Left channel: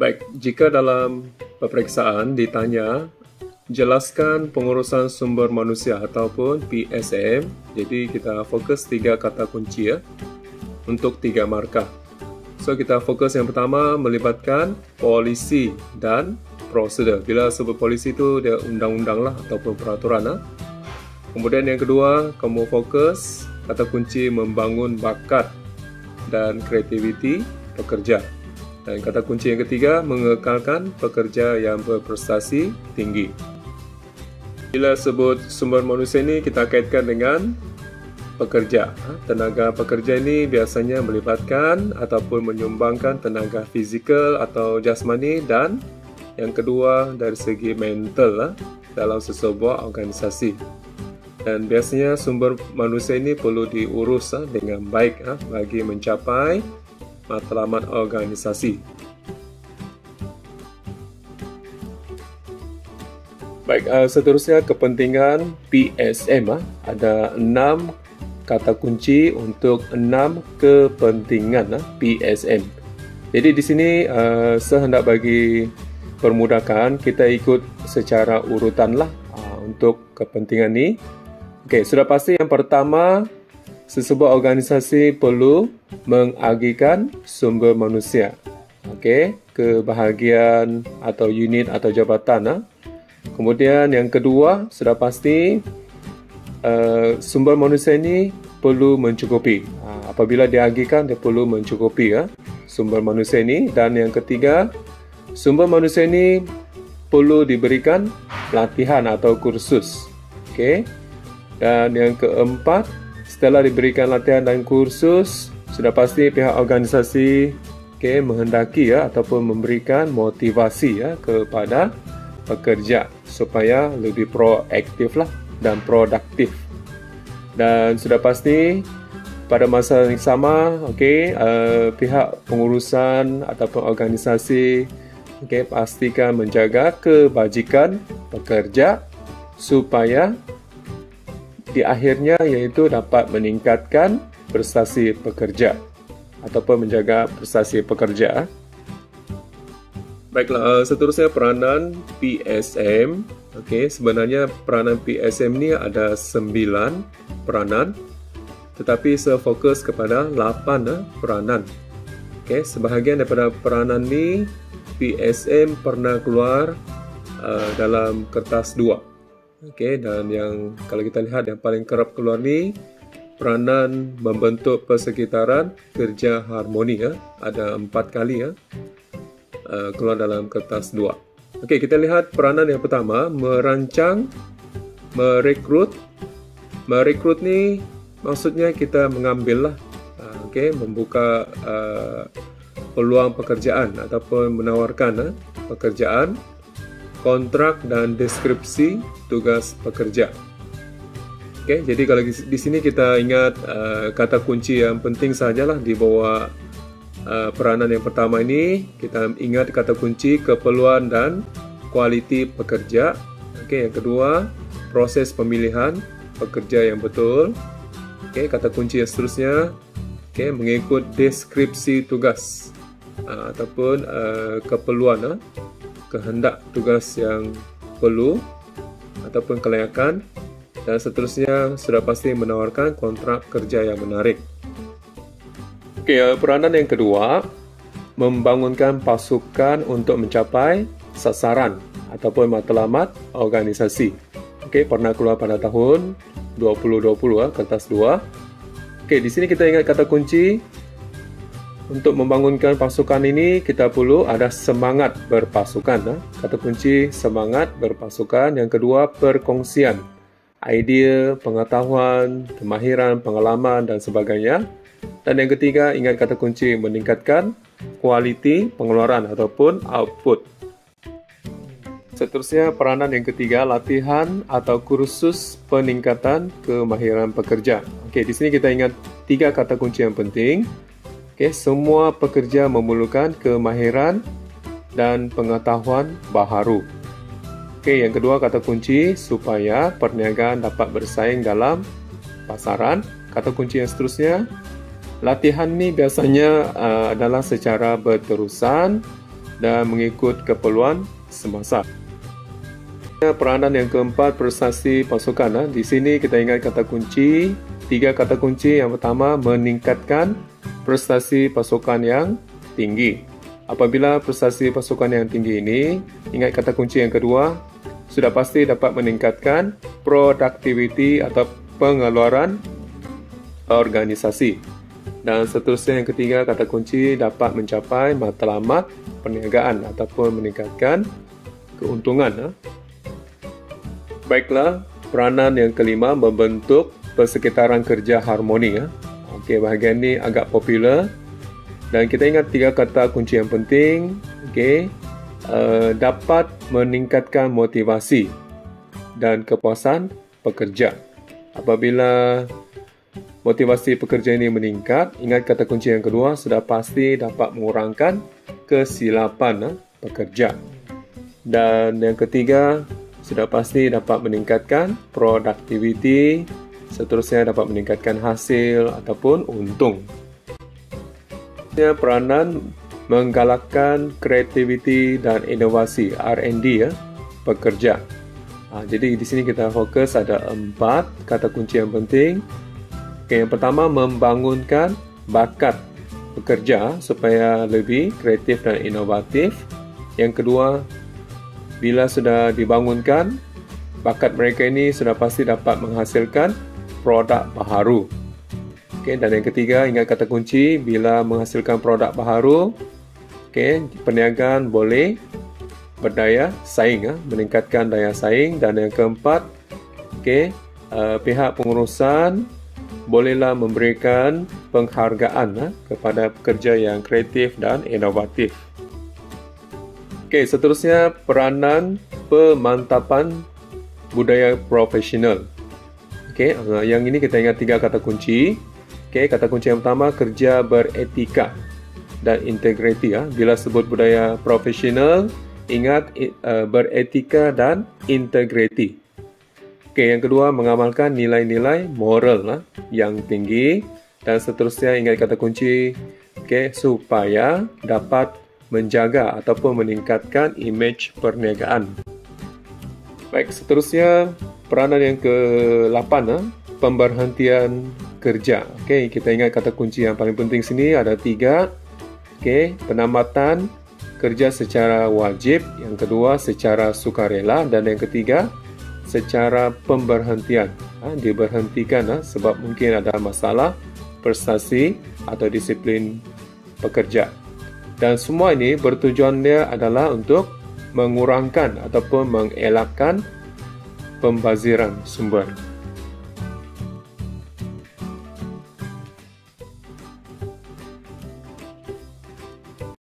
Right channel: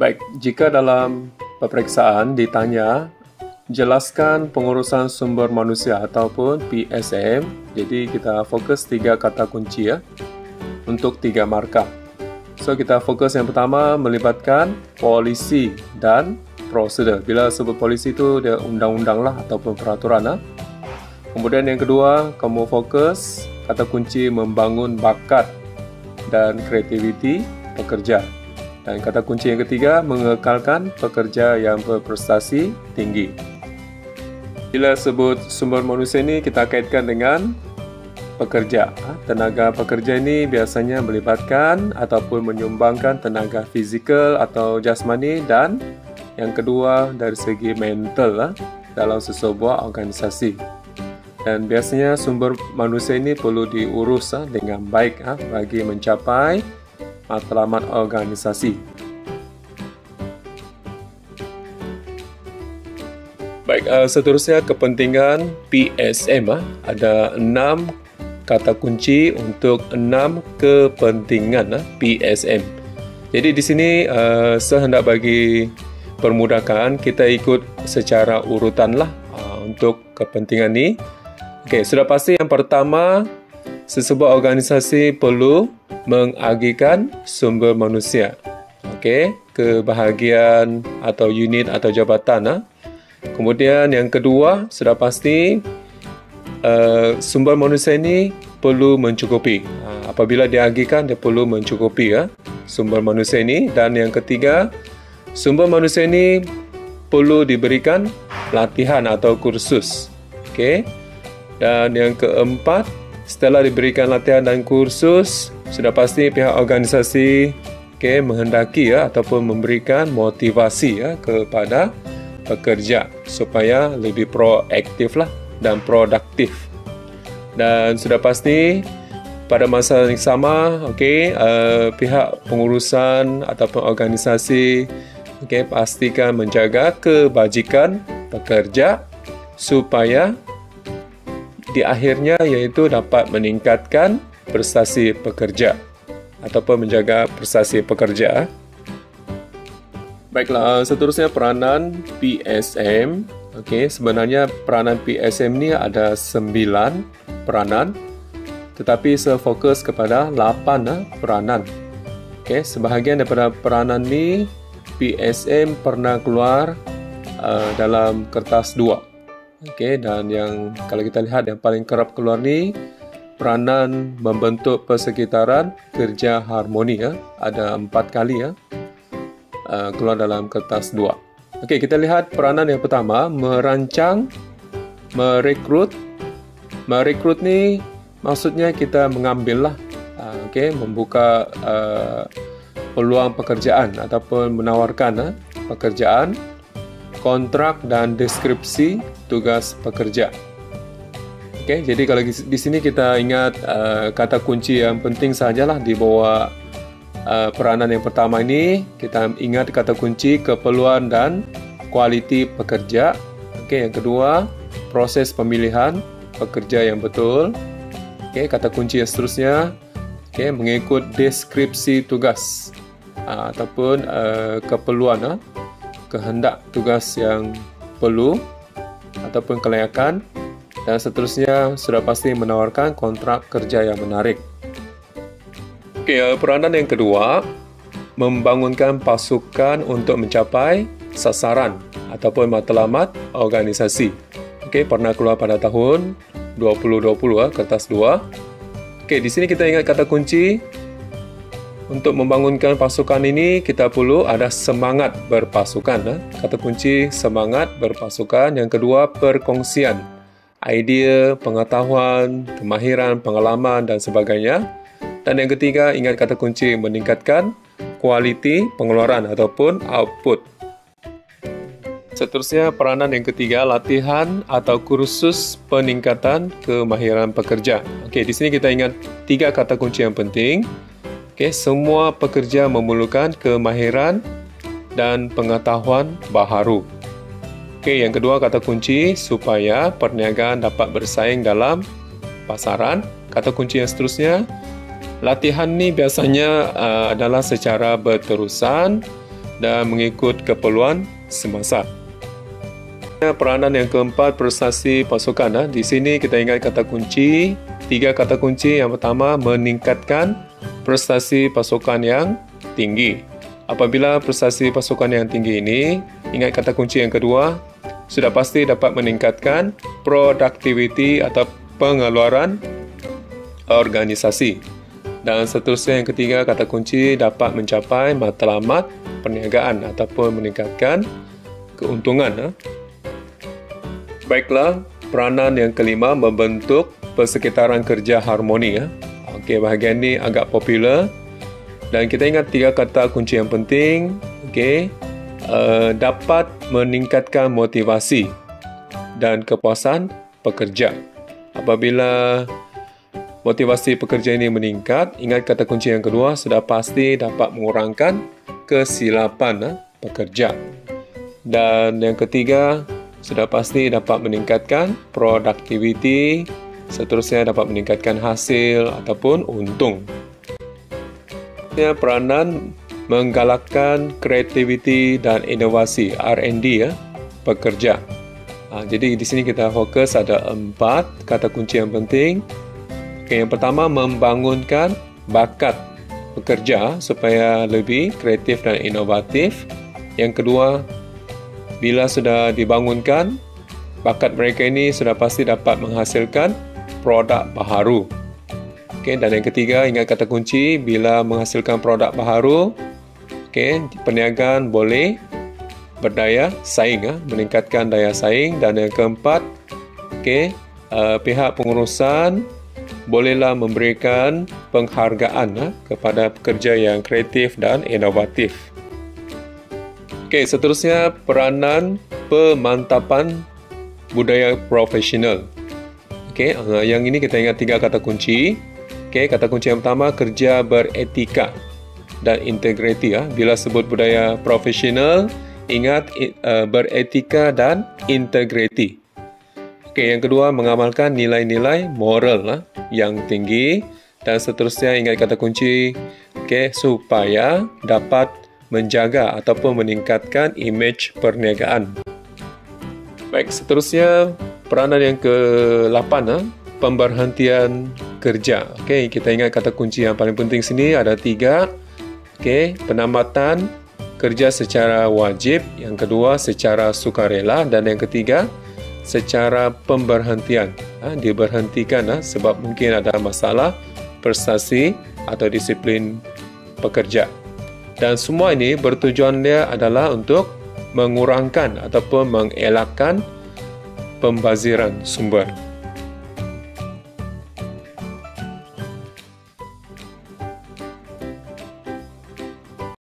Baik, jika dalam peperiksaan ditanya, jelaskan pengurusan sumber manusia ataupun PSM, jadi kita fokus 3 kata kunci untuk 3 markah. So, kita fokus yang pertama melibatkan polisi dan prosedur. Bila sebut polisi itu dia undang-undang lah ataupun peraturan. Kemudian yang kedua, kamu fokus kata kunci membangun bakat dan kreativiti pekerja. Dan kata kunci yang ketiga, mengekalkan pekerja yang berprestasi tinggi. Bila sebut sumber manusia ini, kita kaitkan dengan pekerja. Tenaga pekerja ini biasanya melibatkan ataupun menyumbangkan tenaga fizikal atau jasmani, dan yang kedua dari segi mental dalam sesebuah organisasi. Dan biasanya sumber manusia ini perlu diurus dengan baik bagi mencapai matlamat organisasi. Baik, seterusnya kepentingan PSM. Ada 6 kata kunci untuk 6 kepentingan PSM. Jadi di sini saya hendak bagi permudahkan, kita ikut secara urutan lah untuk kepentingan ni. Okey, sudah pasti yang pertama, sesebuah organisasi perlu mengagihkan sumber manusia. Okey, ke bahagian atau unit atau jabatan. Kemudian yang kedua, sudah pasti sumber manusia ini perlu mencukupi. Apabila diagihkan, dia perlu mencukupi sumber manusia ini. Dan yang ketiga, sumber manusia ini perlu diberikan latihan atau kursus. Okey. Dan yang keempat, setelah diberikan latihan dan kursus, sudah pasti pihak organisasi menghendaki ataupun memberikan motivasi kepada pekerja supaya lebih proaktif lah dan produktif. Dan sudah pasti pada masa yang sama, pihak pengurusan ataupun organisasi pastikan menjaga kebajikan pekerja supaya di akhirnya iaitu dapat meningkatkan prestasi pekerja ataupun menjaga prestasi pekerja. Baiklah, seterusnya peranan PSM. Sebenarnya peranan PSM ni ada 9 peranan, tetapi saya fokus kepada 8 peranan. Sebahagian daripada peranan ni PSM pernah keluar dalam kertas 2. Dan yang kalau kita lihat yang paling kerap keluar ni peranan membentuk persekitaran kerja harmoni. Ada 4 kali keluar dalam kertas 2. Kita lihat peranan yang pertama, merancang, merekrut. Merekrut ni maksudnya kita mengambil lah, membuka peluang pekerjaan ataupun menawarkan pekerjaan, kontrak dan deskripsi tugas pekerja. Jadi kalau di sini kita ingat kata kunci yang penting sajalah di bawah peranan yang pertama ini. Kita ingat kata kunci keperluan dan kualiti pekerja. Yang kedua, proses pemilihan pekerja yang betul. Kata kunci yang seterusnya, mengikut deskripsi tugas ataupun keperluan, kehendak tugas yang perlu ataupun kelayakan. Dan seterusnya sudah pasti menawarkan kontrak kerja yang menarik. Peranan yang kedua, membangunkan pasukan untuk mencapai sasaran ataupun matlamat organisasi. Pernah keluar pada tahun 2020 kertas 2. Di sini kita ingat kata kunci untuk membangunkan pasukan ini, kita perlu ada semangat berpasukan. Kata kunci semangat berpasukan. Yang kedua, perkongsian idea, pengetahuan, kemahiran, pengalaman dan sebagainya. Dan yang ketiga, ingat kata kunci meningkatkan kualiti pengeluaran ataupun output. Seterusnya, peranan yang ketiga, latihan atau kursus peningkatan kemahiran pekerja. Di sini kita ingat 3 kata kunci yang penting. Semua pekerja memerlukan kemahiran dan pengetahuan baharu. Yang kedua, kata kunci supaya perniagaan dapat bersaing dalam pasaran. Kata kunci yang seterusnya, latihan ni biasanya adalah secara berterusan dan mengikut keperluan semasa. Peranan yang keempat, prestasi pasukan. Di sini kita ingat kata kunci, 3 kata kunci. Yang pertama, meningkatkan prestasi pasukan yang tinggi. Apabila prestasi pasukan yang tinggi ini, ingat kata kunci yang kedua, sudah pasti dapat meningkatkan produktiviti atau pengeluaran organisasi. Dan seterusnya yang ketiga, kata kunci dapat mencapai matlamat perniagaan ataupun meningkatkan keuntungan. Baiklah, peranan yang kelima, membentuk persekitaran kerja harmoni. Okey, bahagian ini agak popular. Dan kita ingat 3 kata kunci yang penting. Okey, dapat meningkatkan motivasi dan kepuasan pekerja. Apabila motivasi pekerja ini meningkat, ingat kata kunci yang kedua, sudah pasti dapat mengurangkan kesilapan pekerja. Dan yang ketiga, sudah pasti dapat meningkatkan produktiviti, seterusnya dapat meningkatkan hasil ataupun untung. Peranan menggalakkan kreativiti dan inovasi R&D pekerja. Jadi di sini kita fokus ada 4 kata kunci yang penting. Yang pertama, membangunkan bakat pekerja supaya lebih kreatif dan inovatif. Yang kedua, bila sudah dibangunkan, bakat mereka ini sudah pasti dapat menghasilkan produk baharu. Dan yang ketiga, ingat kata kunci, bila menghasilkan produk baharu, perniagaan boleh berdaya saing, meningkatkan daya saing. Dan yang keempat, pihak pengurusan bolehlah memberikan penghargaan kepada pekerja yang kreatif dan inovatif. Seterusnya, peranan pemantapan budaya profesional. Yang ini kita ingat 3 kata kunci. Kata kunci yang pertama, kerja beretika dan integriti. Bila sebut budaya profesional, ingat beretika dan integriti. Yang kedua, mengamalkan nilai-nilai moral yang tinggi. Dan seterusnya, ingat kata kunci, supaya dapat menjaga ataupun meningkatkan imej perniagaan. Baik, seterusnya peranan yang ke-8, pemberhentian kerja. Kita ingat kata kunci yang paling penting sini ada 3. Penambatan kerja secara wajib, yang kedua secara sukarela, dan yang ketiga secara pemberhentian. Diberhentikan sebab mungkin ada masalah prestasi atau disiplin pekerja. Dan semua ini bertujuannya adalah untuk mengurangkan ataupun mengelakkan pembaziran sumber.